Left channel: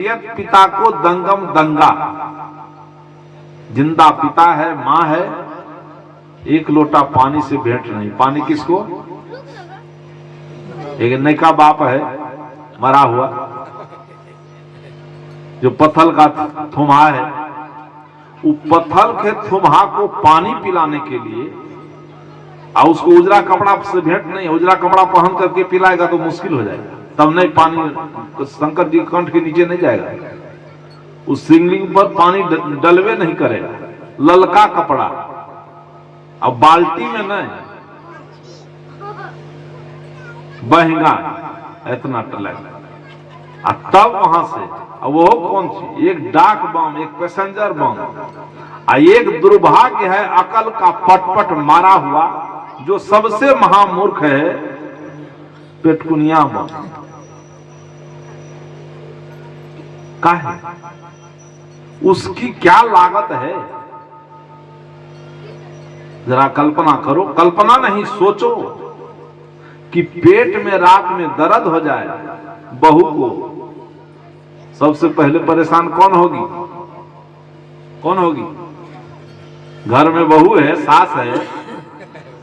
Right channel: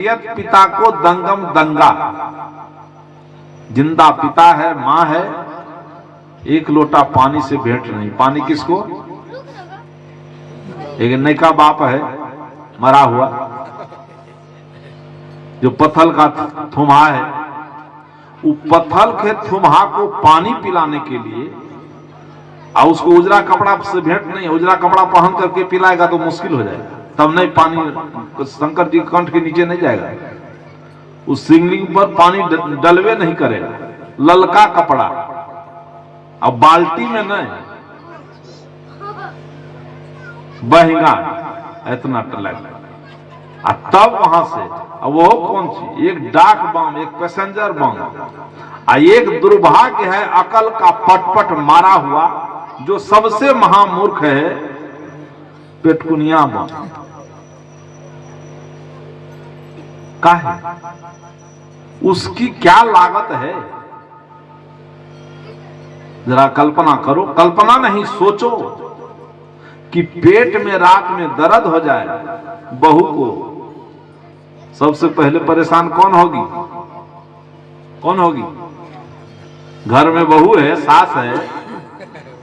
पिता को दंगम दंगा, जिंदा पिता है, मां है, एक लोटा पानी से भेंट नहीं। पानी किसको? एक नैका बाप है मरा हुआ, जो पत्थल का थुम्हा है, वो पत्थल के थुम्हा को पानी पिलाने के लिए, और उसको उजरा कपड़ा से भेंट नहीं। उजरा कपड़ा पहन करके पिलाएगा तो मुश्किल हो जाएगा, तब नहीं पानी शंकर जी कंठ के नीचे नहीं जाएगा। उस शिवलिंग पर पानी डलवे नहीं करेगा, ललका कपड़ा, अब बाल्टी में नहीं, बहेगा इतना टलक। तब वहां से, अब वो कौन सी? एक डाक बम, एक पैसेंजर बम, एक दुर्भाग्य है अकल का पटपट मारा हुआ, जो सबसे महामूर्ख है, पेटकुनिया बम का है। उसकी क्या लागत है, जरा कल्पना करो। कल्पना नहीं, सोचो कि पेट में रात में दर्द हो जाए, बहू को सबसे पहले परेशान कौन होगी? कौन होगी? घर में बहू है, सास है,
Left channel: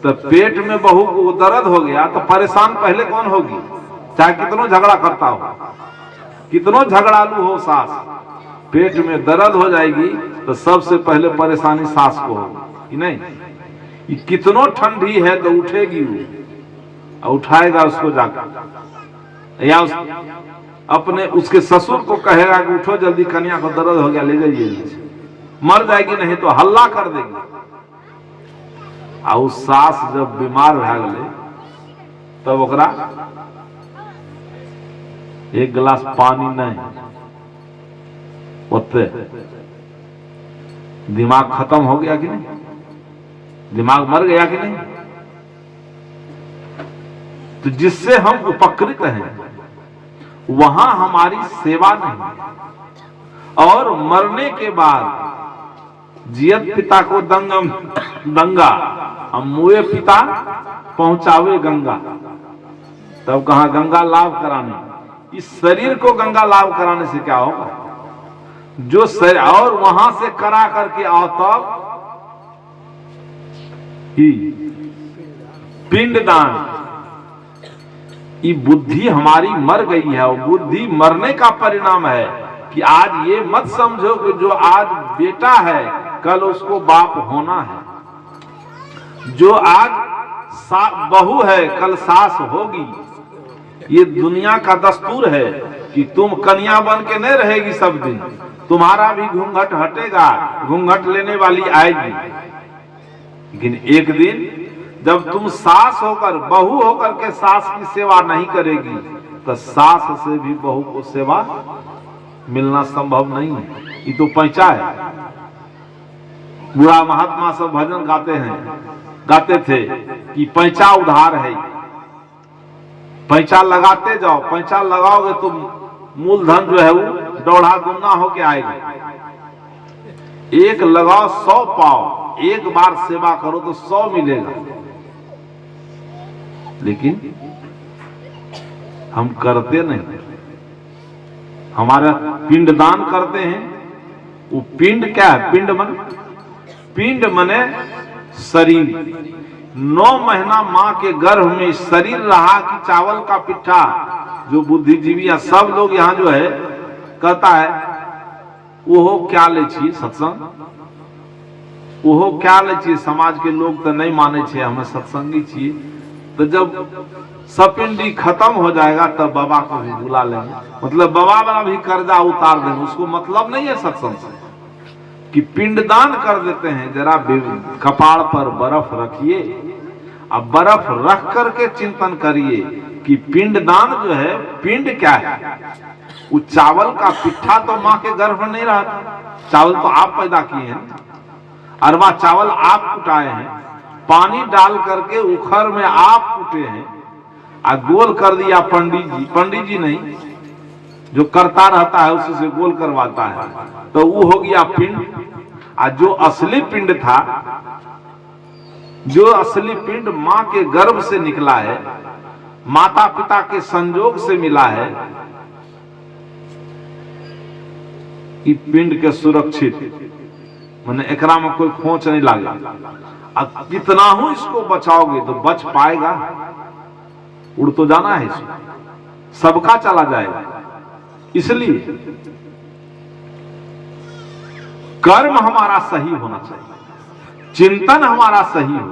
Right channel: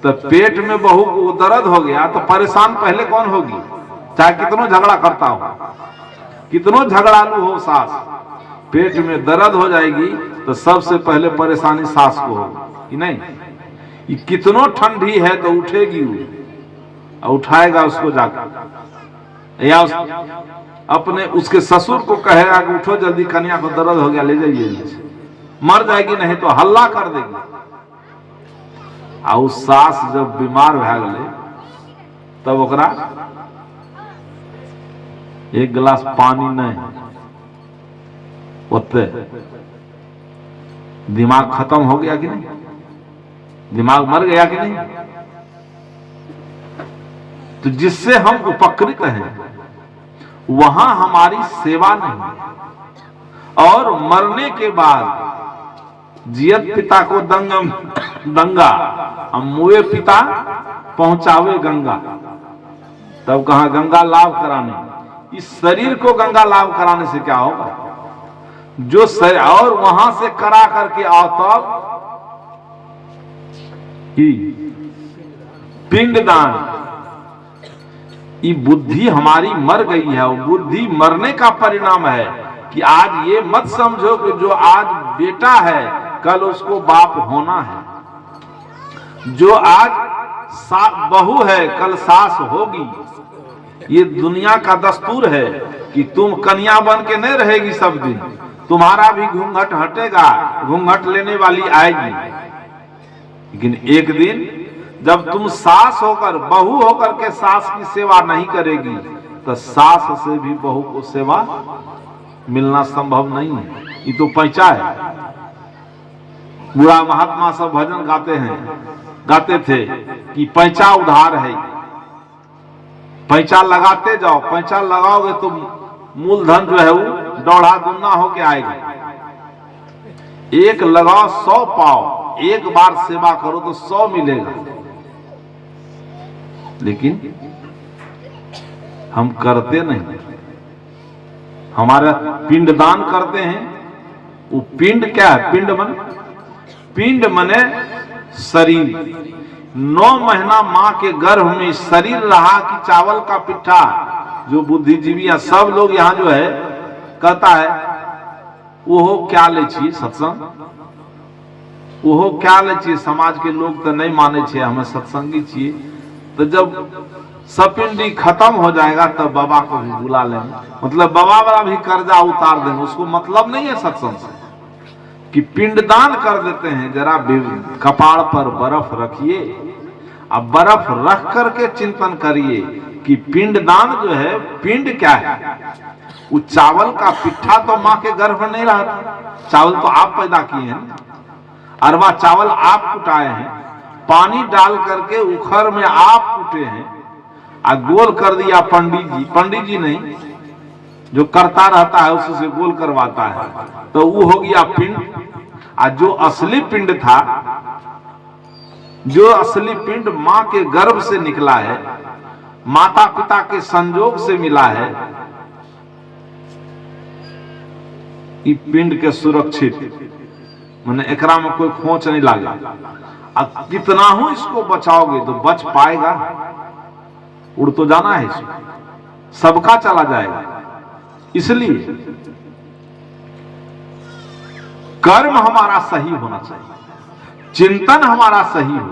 तो पेट में बहू को दर्द हो गया तो परेशान पहले कौन होगी? चाहे कितनों झगड़ा करता हो, कितनों झगड़ालू हो सास, पेट में दर्द हो जाएगी तो सबसे पहले परेशानी सास को होगी कि नहीं? ये कितनों ठंडी है तो उठेगी वो, उठाएगा उसको जाकर, या अपने उसके ससुर को कहेगा कि उठो जल्दी, कन्या को दर्द हो गया, ले जाइए। मर जाएगी नहीं तो हल्ला कर देगी। और सास जब बीमार भा गए तब ओकरा एक गिलास पानी नहीं, ओते दिमाग खत्म हो गया कि नहीं? दिमाग मर गया कि नहीं? तो जिससे हम उपकृत हैं वहां हमारी सेवा नहीं, और मरने के बाद जियत पिता को दंगम दंगा, मुए पिता पहुंचावे गंगा। तब कहा गंगा लाभ कराने, इस शरीर को गंगा लाभ कराने से क्या होगा? जो शरीर, और वहां से करा करके आओ तब ही पिंडदान। ये बुद्धि हमारी मर गई है, और बुद्धि मरने का परिणाम है कि आज ये मत समझो कि जो आज बेटा है कल उसको बाप होना है, जो आज बहू है कल सास होगी। ये दुनिया का दस्तूर है कि तुम कन्या बन के नहीं रहेगी सब दिन, तुम्हारा भी घूंघट हटेगा, घूंघट लेने वाली आएगी। लेकिन एक दिन जब तुम सास होकर, बहू होकर के सास की सेवा नहीं करेगी तो सास से भी बहू को सेवा मिलना संभव नहीं है। ये तो पैंचा है। बुढ़ा महात्मा सब भजन गाते थे कि पैंचा उधार है, पैंचा लगाते जाओ, पैंचा लगाओगे तो मूलधन जो है वो दौड़ा दुगना होके आएगा। एक लगाओ 100 पाओ, एक बार सेवा करो तो 100 मिलेगा। लेकिन हम करते नहीं, हमारा पिंडदान करते हैं। वो पिंड क्या है? पिंड मने शरीर। 9 महीना मां के गर्भ में शरीर रहा कि चावल का पिट्ठा। जो बुद्धिजीवी या सब लोग यहाँ जो है कहता है वो क्या ले छिए सत्संग, वो क्या ले छिए, समाज के लोग तो नहीं माने छे, हमें सत्संगी छिए। तो जब सपिंडी खत्म हो जाएगा तब बाबा को भी बुला लेंगे, मतलब बाबा वाला भी कर्जा उतार देंगे। उसको मतलब नहीं है सत्संग से कि पिंडदान कर देते हैं। जरा कपाड़ पर बर्फ रखिए, अब बर्फ रख करके चिंतन करिए कि पिंडदान जो है, पिंड क्या है? वो चावल का पिट्ठा तो मां के गर्भ में नहीं रहा था, चावल तो आप पैदा किए हैं, अरवा चावल आप कुटाए हैं, पानी डाल करके उखर में आप कुटे हैं, गोल कर दिया पंडित जी नहीं, जो करता रहता है उसी से गोल करवाता है, तो वो हो गया पिंड। जो असली पिंड था, जो असली पिंड मां के गर्भ से निकला है, माता पिता के संजोग से मिला है, कि पिंड के सुरक्षित मैंने एकरा में कोई खोच नहीं लागे। अब कितना हूं इसको बचाओगे तो बच पाएगा? उड़ तो जाना है इसको, सबका चला जाएगा। इसलिए कर्म हमारा सही होना चाहिए, चिंतन हमारा सही हो,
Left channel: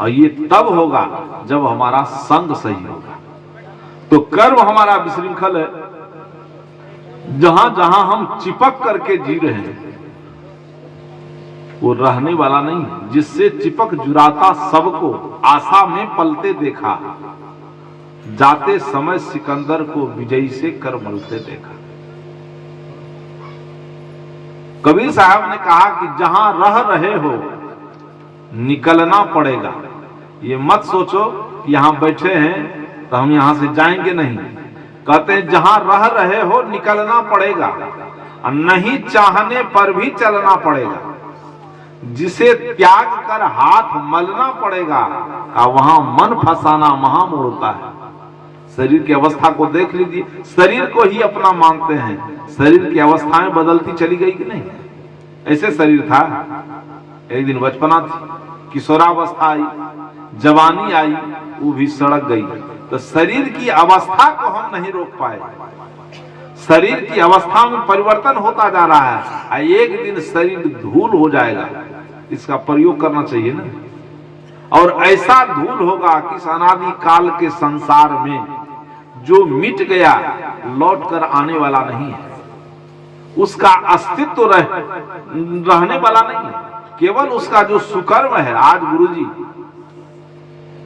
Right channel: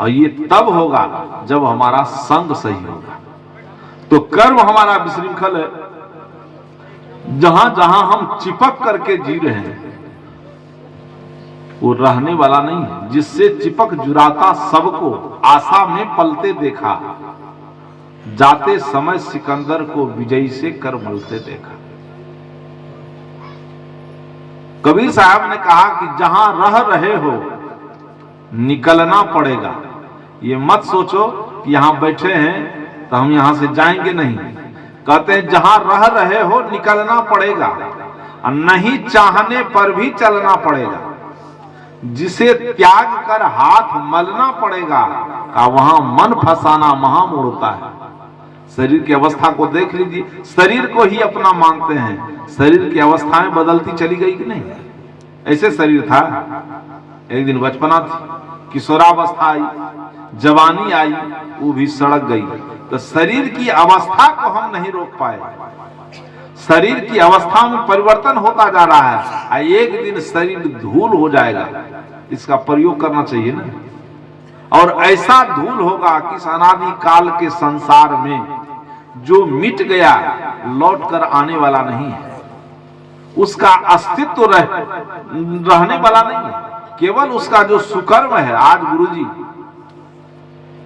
और ये तब होगा जब हमारा संग सही होगा। तो कर्म हमारा विशृंखल है, जहां जहां हम चिपक करके जी रहे हैं वो रहने वाला नहीं है। जिससे चिपक जुराता सबको आशा में पलते देखा, जाते समय सिकंदर को विजयी से कर मलते देखा। कबीर साहब ने कहा कि जहां रह रहे हो निकलना पड़ेगा। ये मत सोचो कि यहां बैठे हैं तो हम यहां से जाएंगे, नहीं। कहते हैं जहां रह रहे हो निकलना पड़ेगा, और नहीं चाहने पर भी चलना पड़ेगा। जिसे त्याग कर हाथ मलना पड़ेगा, का वहां मन फसाना महामोह होता है। शरीर की अवस्था को देख लीजिए, शरीर को ही अपना मानते हैं। शरीर की अवस्थाएं बदलती चली गई कि नहीं? ऐसे शरीर था, एक दिन बचपना थी, किशोरावस्था आई, जवानी आई, वो भी सड़क गई। तो शरीर की अवस्था को हम नहीं रोक पाए। शरीर की अवस्था में परिवर्तन होता जा रहा है, एक दिन शरीर धूल हो जाएगा। इसका प्रयोग करना चाहिए ना। और ऐसा धूल होगा कि इस अनादि काल के संसार में जो मिट गया लौट कर आने वाला नहीं है। उसका अस्तित्व रहने वाला नहीं है। केवल उसका जो सुकर्म है। आज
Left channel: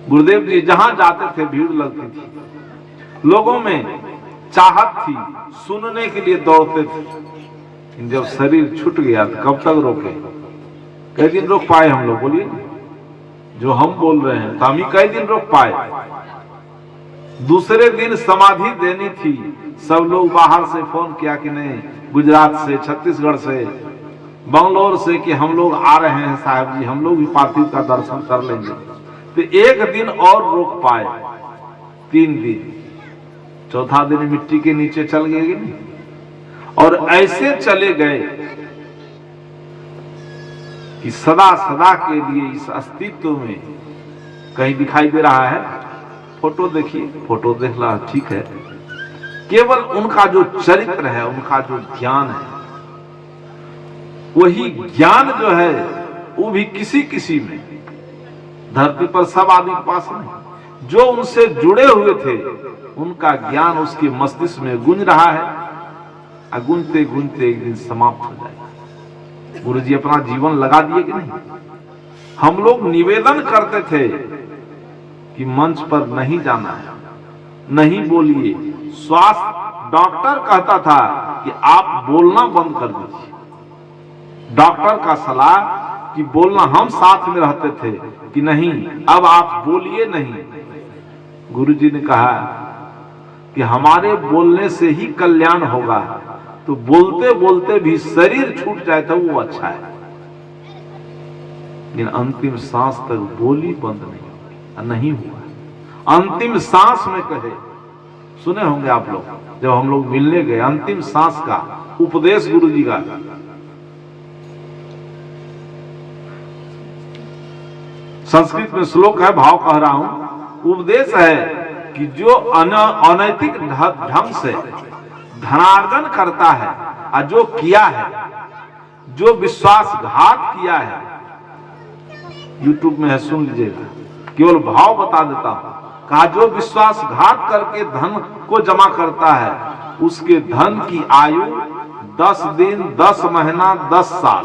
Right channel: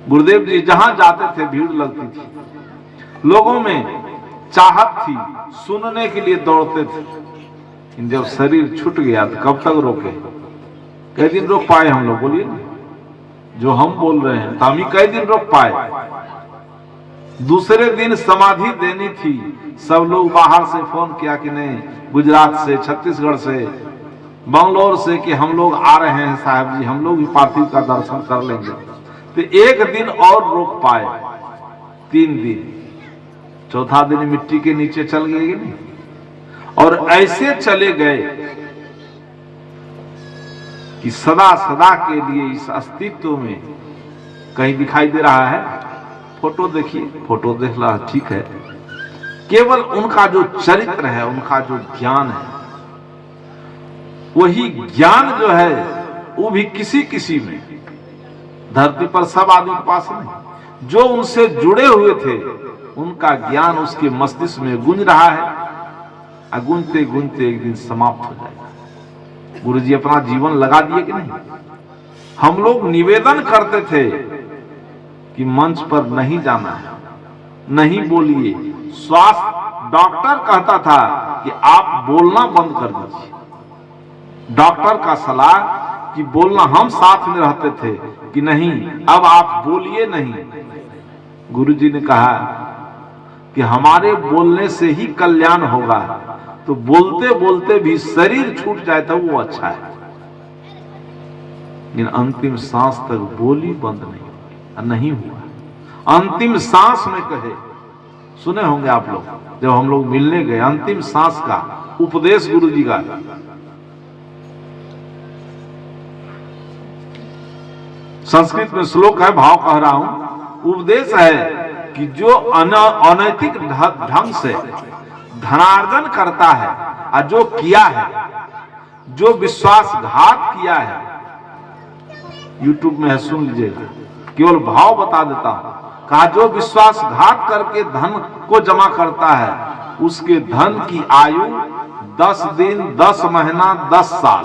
गुरुदेव जी जहां जाते थे भीड़ लगती थी, लोगों में चाहत थी, सुनने के लिए दौड़ते थे। लेकिन जब शरीर छूट गया तो कब तक रोके? कई दिन रोक पाए हम लोग? बोलिए, जो हम बोल रहे हैं तो हम ही कई दिन रोक पाए। दूसरे दिन समाधि देनी थी, सब लोग बाहर से फोन किया कि नहीं, गुजरात से, छत्तीसगढ़ से, बंगलोर से, कि हम लोग आ रहे हैं साहब जी, हम लोग भी पार्थिव का दर्शन कर लेंगे। तो एक दिन और रोक पाए, 3 दिन, चौथा दिन मिट्टी के नीचे चल गए कि नहीं। और ऐसे चले गए कि सदा सदा के लिए इस अस्तित्व में कहीं दिखाई दे रहा है। फोटो देखिए, फोटो देख रहा, ठीक है, केवल उनका जो चरित्र है, उनका जो ज्ञान है, वही ज्ञान जो है वो भी किसी किसी में, धरती पर सब आदमी के पास नहीं। जो उनसे जुड़े हुए थे उनका ज्ञान उसके मस्तिष्क में गूंज रहा है, गूंजते गूंजते एक दिन समाप्त हो जाएगा। गुरु जी अपना जीवन लगा दिए कि नहीं? हम लोग निवेदन करते थे कि मंच पर नहीं जाना है, नहीं बोलिए। स्वास्थ्य डॉक्टर कहता था कि आप बोलना बंद कर दीजिए। डॉक्टर का सलाह कि बोलना, हम साथ में रहते थे कि नहीं अब आप बोलिए नहीं। गुरुजी ने कहा कि हमारे बोलने से ही कल्याण होगा, तो बोलते बोलते भी शरीर छूट जाए तो वो अच्छा है, लेकिन अंतिम सांस तक बोली बंद नहीं हुआ। अंतिम सांस में कहे, सुने होंगे आप लोग, जब हम लोग मिलने गए, अंतिम सांस का उपदेश गुरुजी का, संस्कृत में श्लोक है, भाव कह रहा हूं, उपदेश है कि जो अनैतिक ढंग से धनार्जन करता है और जो किया है, जो विश्वासघात किया है, यूट्यूब में है, सुन लीजिएगा, केवल भाव बता देता हूं। कहा जो विश्वासघात करके धन को जमा करता है, उसके धन की आयु 10 दिन, 10 महीना, 10 साल,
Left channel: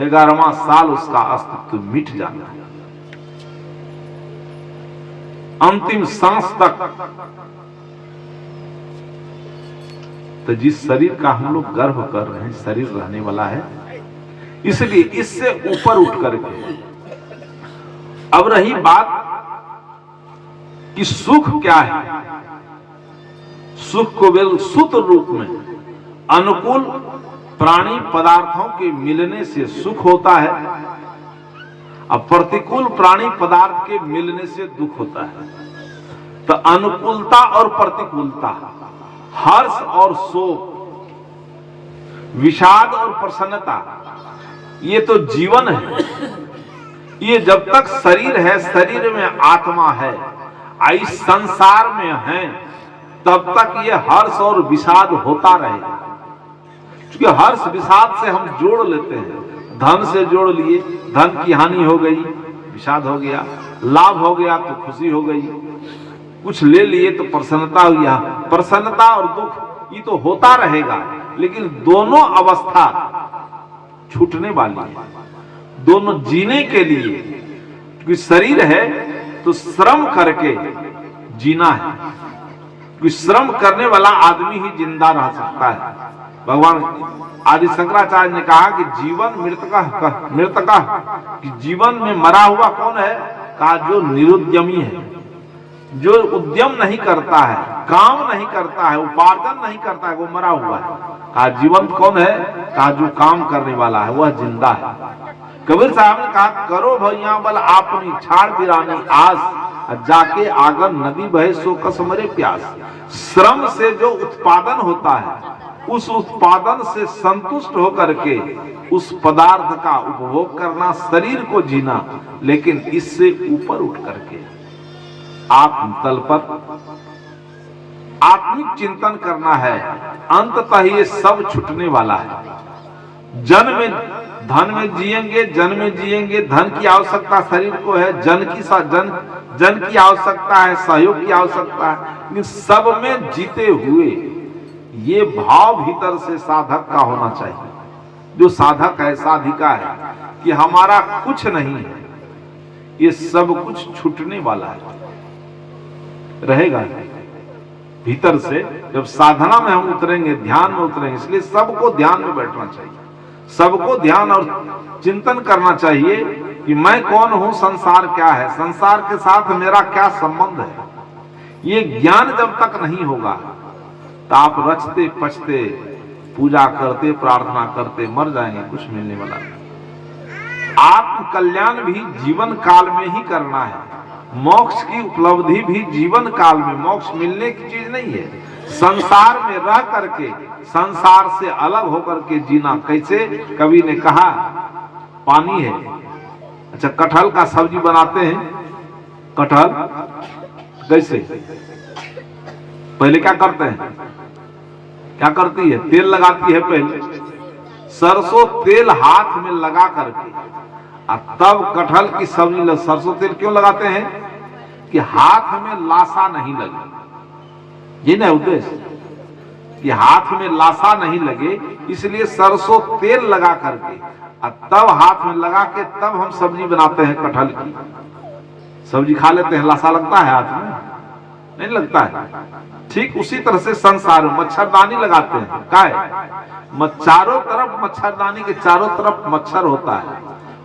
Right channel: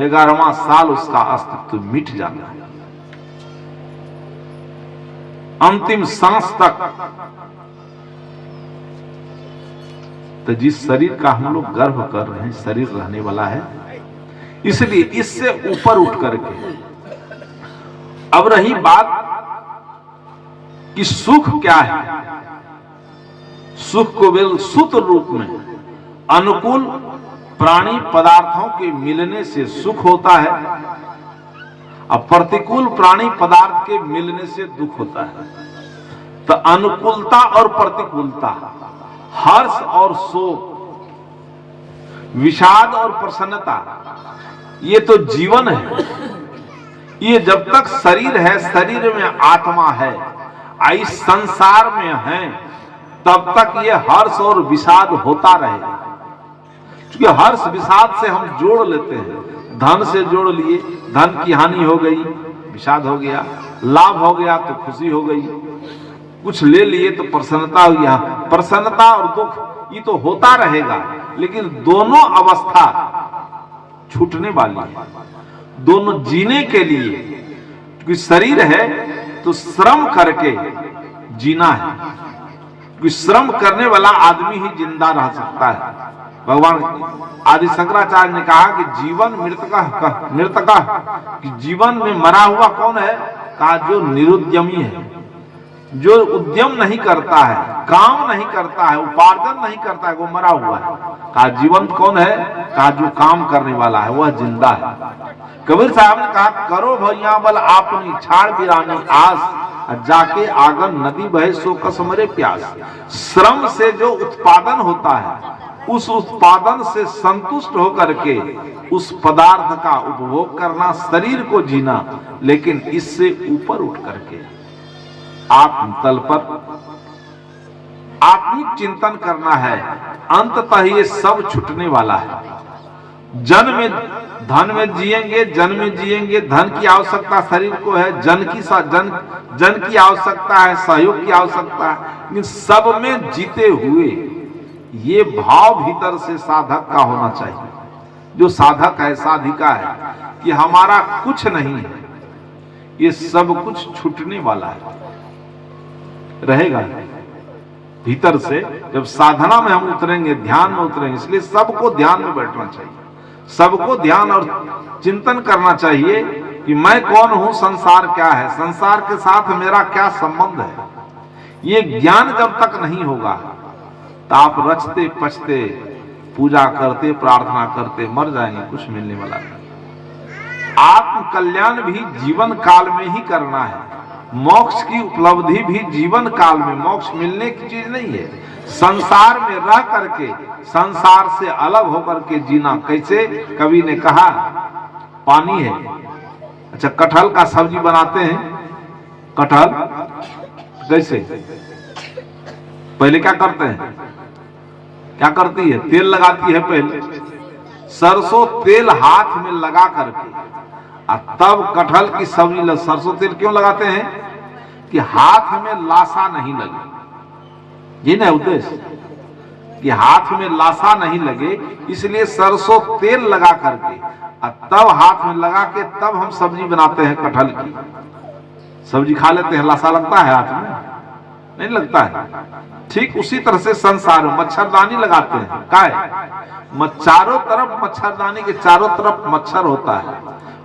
11वां साल उसका अस्तित्व मिट जाता है। अंतिम सांस तक। तो जिस शरीर का हम लोग गर्व कर रहे हैं, शरीर रहने वाला है, इसलिए इससे ऊपर उठ करके अब रही बात कि सुख क्या है। सुख को बिल्कुल सूत्र रूप में अनुकूल प्राणी पदार्थों के मिलने से सुख होता है, और प्रतिकूल प्राणी पदार्थ के मिलने से दुख होता है। तो अनुकूलता और प्रतिकूलता, हर्ष और शोक विषाद और प्रसन्नता, ये तो जीवन है। ये जब तक शरीर है, शरीर में आत्मा है, इस संसार में है, तब तक ये हर्ष और विषाद होता रहेगा। क्योंकि हर्ष विषाद से हम जोड़ लेते हैं। धन से जोड़ लिए, धन की हानि हो गई, विषाद हो गया। लाभ हो गया तो खुशी हो गई। कुछ ले लिए तो प्रसन्नता हो गया। प्रसन्नता और दुख ये तो होता रहेगा, लेकिन दोनों अवस्था छूटने वाली है। दोनों जीने के लिए, क्योंकि शरीर है तो श्रम करके जीना है। क्योंकि श्रम करने वाला आदमी ही जिंदा रह सकता है। भगवान आदि शंकराचार्य ने कहा कि जीवन मृतका कि जीवन में मरा हुआ कौन है? कहा जो निरुद्यमी है, जो उद्यम नहीं करता है, काम नहीं करता है, उपार्जन नहीं करता है, वो मरा हुआ है। कहा जीवंत कौन है? कहा जो काम करने वाला है, वह जिंदा है। कबीर साहब ने कहा करो भैया बल आपनी छाड़ बिरानी आस, जाके आगर नदी बहे सो कसमरे प्यास। श्रम से जो उत्पादन होता है, उस उत्पादन से संतुष्ट होकर के उस पदार्थ का उपभोग करना, शरीर को जीना, लेकिन इससे ऊपर उठ करके आत्म तल पर आत्मिक चिंतन करना है। अंततः ये सब छूटने वाला है। जन में धन में जिएंगे, जन में जिएंगे, धन की आवश्यकता शरीर को है, जन की आवश्यकता है, सहयोग की आवश्यकता है, लेकिन सब में जीते हुए ये भाव भीतर से साधक का होना चाहिए। जो साधक है, साधिका है, कि हमारा कुछ नहीं है, ये सब कुछ छूटने वाला है, रहेगा भीतर से। जब साधना में हम उतरेंगे, ध्यान में उतरेंगे, इसलिए सबको ध्यान में बैठना चाहिए। सबको ध्यान और चिंतन करना चाहिए कि मैं कौन हूं, संसार क्या है, संसार के साथ मेरा क्या संबंध है। ये ज्ञान जब तक नहीं होगा तो आप रचते पचते, पूजा करते, प्रार्थना करते मर जाएंगे, कुछ मिलने वाला नहीं। आत्म कल्याण भी जीवन काल में ही करना है। मोक्ष की उपलब्धि भी जीवन काल में, मोक्ष मिलने की चीज नहीं है। संसार में रह करके, संसार से अलग होकर के जीना कैसे? कवि ने कहा पानी है। अच्छा, कटहल का सब्जी बनाते हैं। कटहल कैसे? पहले क्या करते हैं? क्या करती है? तेल लगाती है। पहले सरसों तेल हाथ में लगा करके, तब कटहल की सब्जी। सरसों तेल क्यों लगाते हैं? कि हाथ में लाशा नहीं लगे। ये ना उद्देश्य, कि हाथ में लाशा नहीं लगे, इसलिए सरसों तेल लगा करके तब हाथ में लगा के तब हम सब्जी बनाते हैं। कटहल की सब्जी खा लेते हैं, लाशा लगता है हाथ में? नहीं लगता है। ठीक उसी तरह से संसार में मच्छरदानी लगाते हैं। क्या है? चारों तरफ मच्छरदानी के चारों तरफ मच्छर होता है।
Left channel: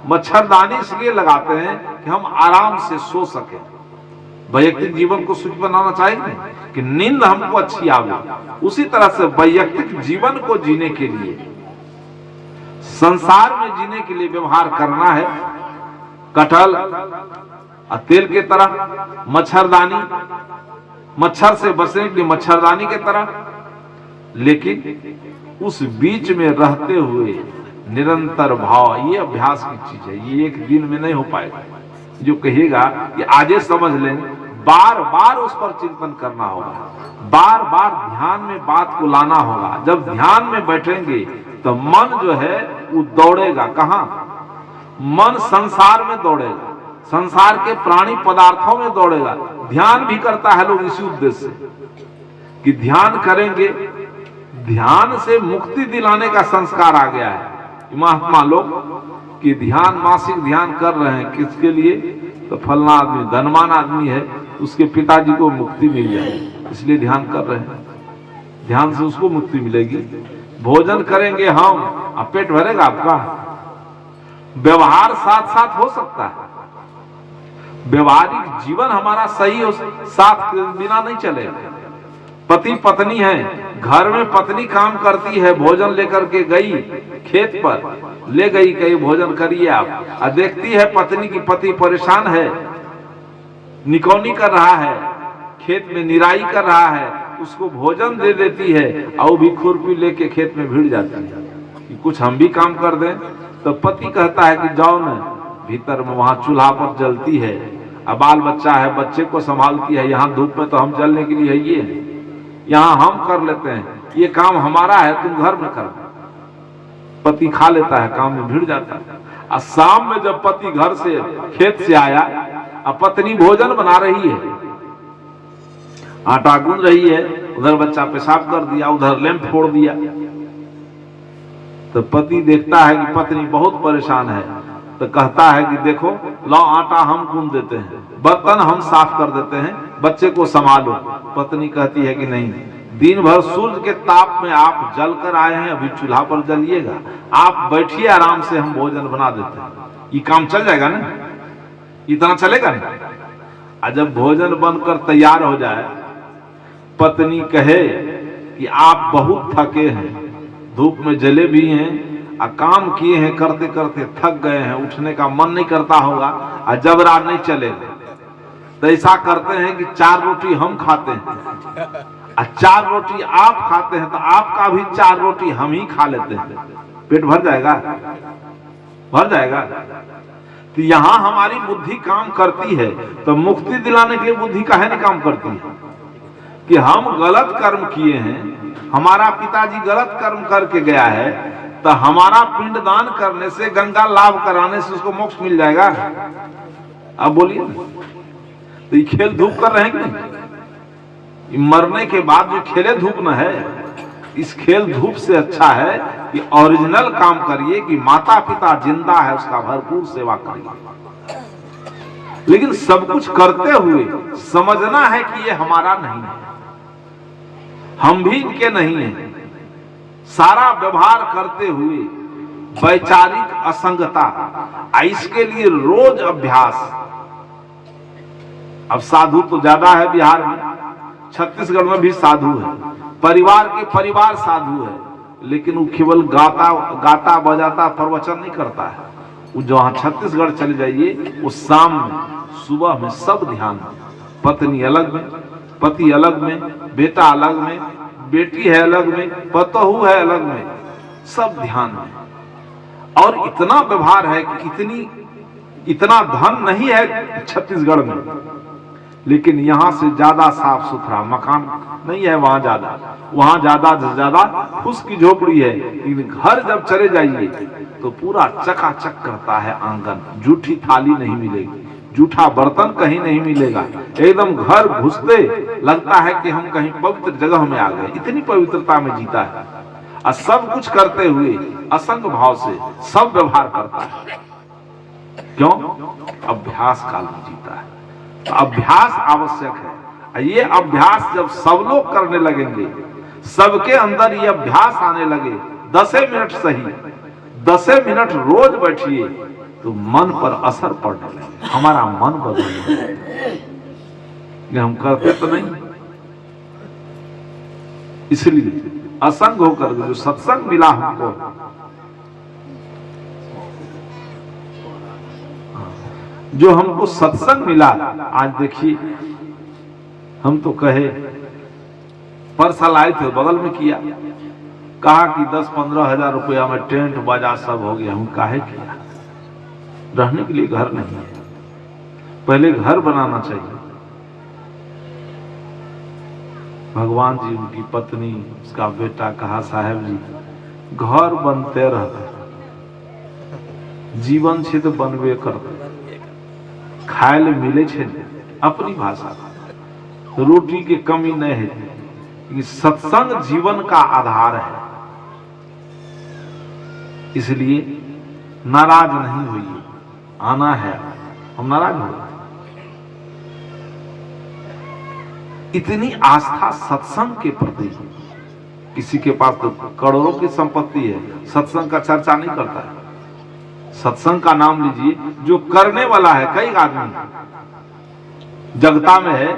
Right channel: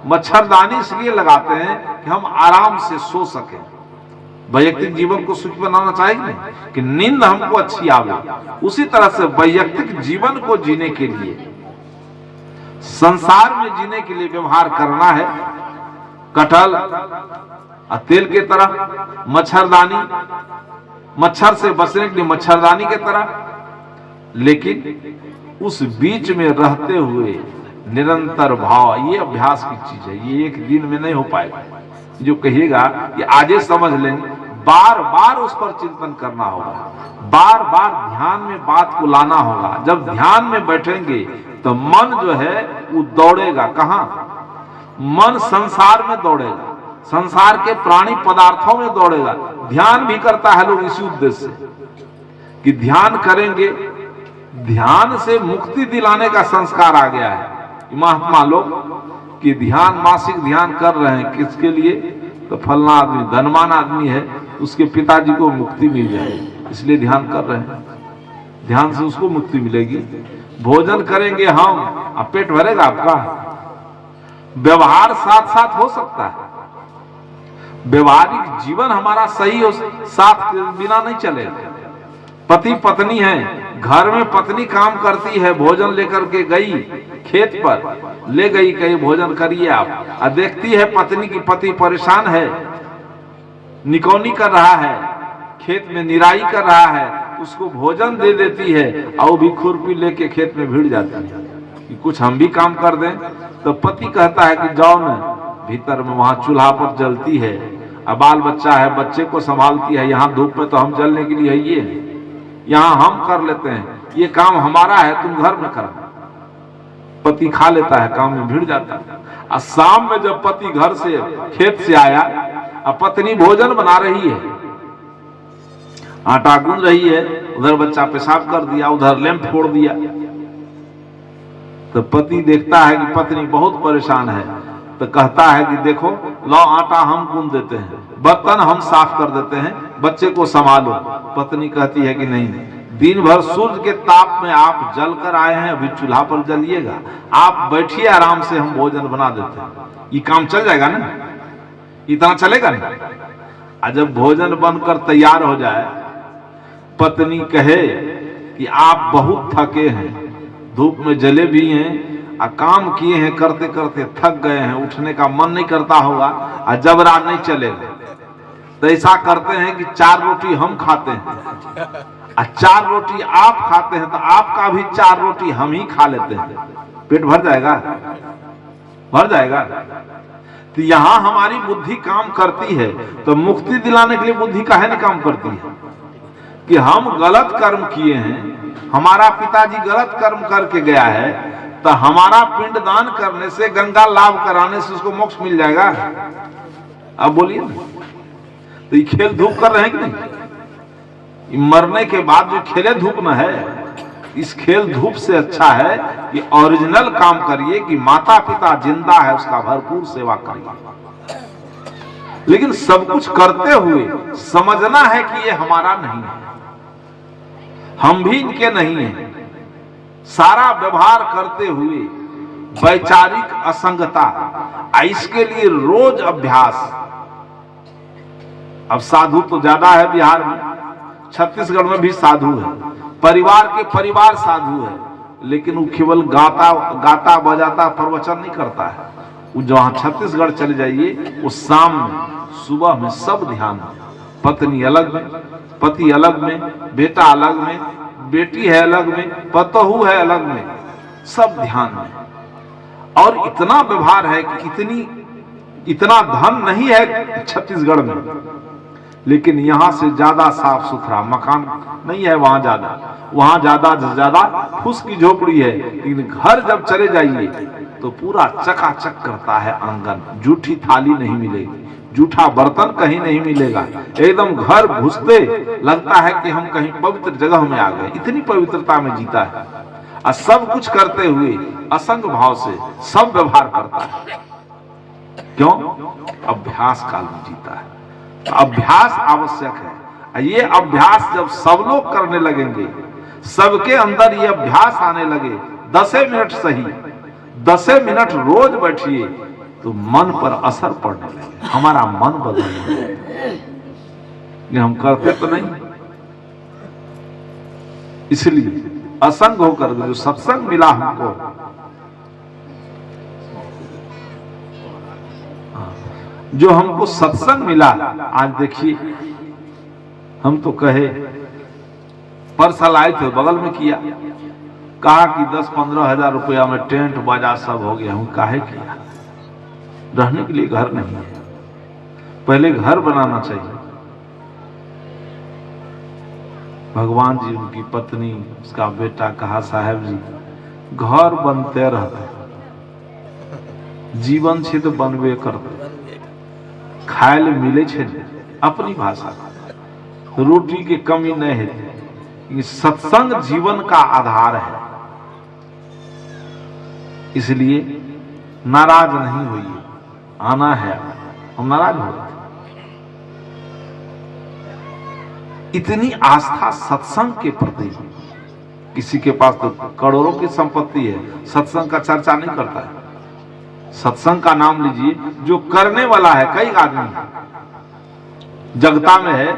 मच्छरदानी इसलिए लगाते हैं कि हम आराम से सो सके। वैयक्तिक जीवन को सुखी बनाना चाहिए कि नींद हमको अच्छी आवे। उसी तरह से वैयक्तिक जीवन को जीने के लिए, संसार में जीने के लिए व्यवहार करना है। कटहल तेल के तरह, मच्छरदानी मच्छर से बचने के लिए मच्छरदानी के तरह, लेकिन उस बीच में रहते हुए निरंतर भाव, ये अभ्यास की चीज है। ये एक दिन में नहीं हो पाएगा। जो कहिएगा कि आजे समझ लेंगे, बार बार उस पर चिंतन करना होगा, बार बार ध्यान में बात को लाना होगा। जब ध्यान में बैठेंगे तो मन जो है वो दौड़ेगा। कहां? मन संसार में दौड़ेगा, संसार के प्राणी पदार्थों में दौड़ेगा। ध्यान भी करता है लोग इसी उद्देश्य से कि ध्यान करेंगे, ध्यान से मुक्ति दिलाने का संस्कार आ गया है। महात्मा लोग कि ध्यान, मासिक ध्यान कर रहे हैं, किसके लिए? तो फलना आदमी धनवान आदमी है, उसके पिताजी को मुक्ति मिल जाए, इसलिए ध्यान कर रहे हैं। ध्यान से उसको मुक्ति मिलेगी। भोजन करेंगे हम, अब पेट भरेगा आपका? व्यवहार साथ साथ हो सकता है। व्यवहारिक जीवन हमारा सही हो, साथ बिना नहीं चलेगा। पति पत्नी है, घर में पत्नी काम करती है, भोजन लेकर के गई खेत पर, ले गई, कहीं भोजन करिए आप, देखती है पत्नी की पति परेशान है, निकौनी कर रहा है, खेत में निराई कर रहा है, उसको भोजन दे देती है और वो भी खुरपी लेके खेत में भिड़ जाती है। कुछ हम भी काम कर दें। तो पति कहता है कि जाओ ना भीतर में, वहां चूल्हा पर जलती है, अब बाल बच्चा है, बच्चे को संभालती है, यहाँ धूप में तो हम जलने के लिए है, ये यहाँ हम कर लेते हैं, ये काम हमारा है, तुम घर में कर। पति खा लेता है, काम में भिड़ जाता है। और शाम में जब पति घर से खेत से आया और पत्नी भोजन बना रही है, आटा गूंद रही है, उधर बच्चा पेशाब कर दिया, उधर लैंप फोड़ दिया, तो पति देखता है कि पत्नी बहुत परेशान है, तो कहता है कि देखो लाओ आटा हम गूंद देते हैं, बर्तन हम साफ कर देते हैं, बच्चे को संभालो। पत्नी कहती है कि नहीं, दिन भर सूर्य के ताप में आप जल कर आए हैं, अभी चूल्हा पर जलिएगा, आप बैठिए आराम से, हम भोजन बना देते हैं, ये काम चल जाएगा ना, इतना चलेगा ना। और जब भोजन बनकर तैयार हो जाए, पत्नी कहे कि आप बहुत थके हैं, धूप में जले भी हैं, काम किए हैं, करते करते थक गए हैं, उठने का मन नहीं करता होगा, और जब रात नहीं चलेगा तो ऐसा करते हैं कि 4 रोटी हम खाते हैं और 4 रोटी आप खाते हैं, तो आपका भी 4 रोटी हम ही खा लेते हैं, पेट भर जाएगा, भर जाएगा। तो यहाँ हमारी बुद्धि काम करती है, तो मुक्ति दिलाने के लिए बुद्धि काहे नहीं काम करती है कि हम गलत कर्म किए हैं, हमारा पिताजी गलत कर्म करके गया है, तो हमारा पिंडदान करने से, गंगा लाभ कराने से उसको मोक्ष मिल जाएगा। अब बोलिए, तो ये खेल धूप कर रहे हैं कि नहीं? मरने के बाद जो खेले धूप में है, इस खेल धूप से अच्छा है कि ओरिजिनल काम करिए, कि माता पिता जिंदा है उसका भरपूर सेवा करिए। लेकिन सब कुछ करते हुए समझना है कि ये हमारा नहीं है, हम भी इनके नहीं हैं। सारा व्यवहार करते हुए वैचारिक असंगता, इसके लिए रोज अभ्यास। अब साधु तो ज्यादा है बिहार में, छत्तीसगढ़ में भी साधु है, परिवार के परिवार साधु है, लेकिन वो केवल गाता बजाता प्रवचन नहीं करता है। वो जहां छत्तीसगढ़ चले जाइए, वो शाम में सुबह में सब ध्यान है, पत्नी अलग में, पति अलग में, बेटा अलग में, बेटी है अलग में, पतोहू है अलग में, सब ध्यान में। और इतना व्यवहार है कि इतना धन नहीं है छत्तीसगढ़ में, लेकिन यहां से ज्यादा साफ सुथरा मकान नहीं है, वहां ज्यादा फूस की झोपड़ी है, लेकिन घर जब चले जाइए तो पूरा चकाचक करता है आंगन, जूठी थाली नहीं मिलेगी, जूठा बर्तन कहीं नहीं मिलेगा, एकदम घर घुसते लगता है कि हम कहीं पवित्र जगह में आ गए, इतनी पवित्रता में जीता है। और सब कुछ करते हुए असंग भाव से सब व्यवहार करता है। क्यों? अभ्यास काल में जीता है। तो अभ्यास आवश्यक है। ये अभ्यास जब सब लोग करने लगेंगे, सबके अंदर ये अभ्यास आने लगे, 10 मिनट सही, 10 मिनट रोज बैठिए, तो मन पर असर पड़ने लगे, हमारा मन बदलने लगे। हम करते तो नहीं, इसलिए असंग होकर जो सत्संग मिला हमको, जो हमको सत्संग मिला, आज देखिए हम तो कहे परसल आए थे, बगल में किया, कहा कि 10-15 हजार रुपया में टेंट बाजा सब हो गया। हम काहे किया? रहने के लिए घर नहीं है, पहले घर बनाना चाहिए। भगवान जी, उनकी पत्नी, उसका बेटा कहा साहब जी घर बनते रहते, जीवन छे तो बनबे करते, खाए ले मिले छे, अपनी भाषा रोटी की कमी नहीं है। ये सत्संग जीवन का आधार है, इसलिए नाराज नहीं हुई, आना है, हम नाराज हो। इतनी आस्था सत्संग के प्रति, किसी के पास तो करोड़ों की संपत्ति है, सत्संग का चर्चा नहीं करता है। सत्संग का नाम लीजिए, जो करने वाला है, कई आदमी जगता में है,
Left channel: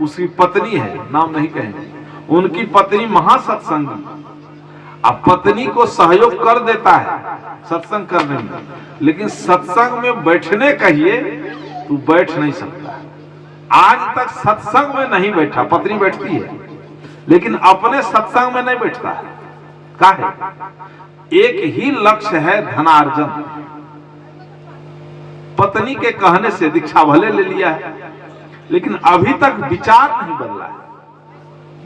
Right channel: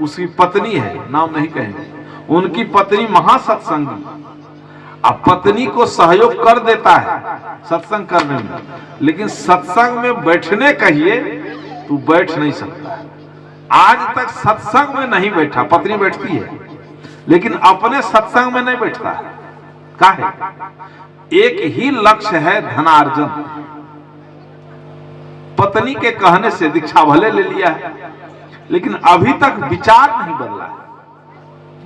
उसकी पत्नी है, नाम नहीं कहेंगे, उनकी पत्नी महासत्संगी, अब पत्नी को सहयोग कर देता है सत्संग करने में, लेकिन सत्संग में बैठने कहिए तू बैठ नहीं सकता। आज तक सत्संग में नहीं बैठा, पत्नी बैठती है लेकिन अपने सत्संग में नहीं बैठता है। काहे? एक ही लक्ष्य है धनार्जन। पत्नी के कहने से दीक्षा भले ले लिया है, लेकिन अभी तक विचार नहीं बदला है।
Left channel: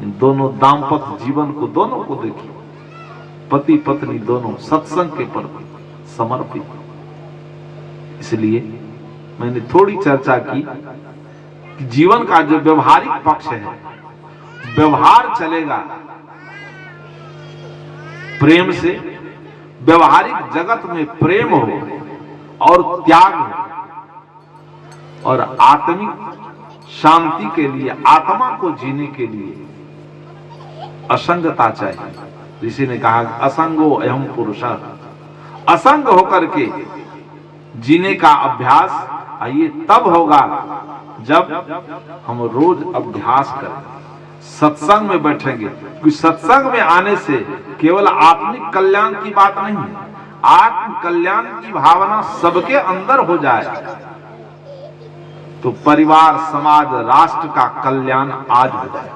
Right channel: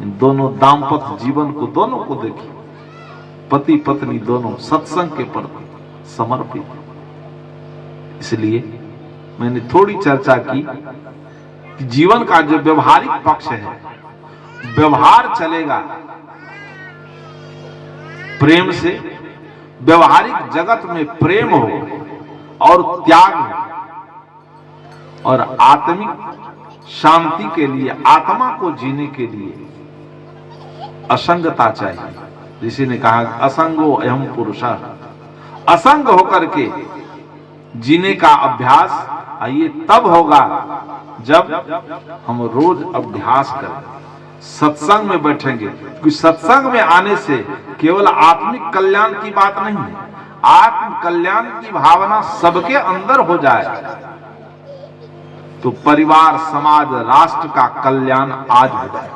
इन दोनों दाम्पत्य जीवन को दोनों को देखिए, पति पत्नी दोनों सत्संग के प्रति समर्पित। इसलिए मैंने थोड़ी चर्चा की कि जीवन का जो व्यवहारिक पक्ष है, व्यवहार चलेगा प्रेम से, व्यवहारिक जगत में प्रेम हो और त्याग हो, और आत्मिक शांति के लिए, आत्मा को जीने के लिए असंगता चाहिए। ऋषि ने कहा असंगो अहम पुरुषा, असंग होकर के जीने का अभ्यास ये तब होगा जब हम रोज अभ्यास करें, सत्संग में बैठेंगे। क्योंकि सत्संग में आने से केवल आत्मिक कल्याण की बात नहीं है, आत्म कल्याण की भावना सबके अंदर हो जाए तो परिवार, समाज, राष्ट्र का कल्याण आज हो जाए।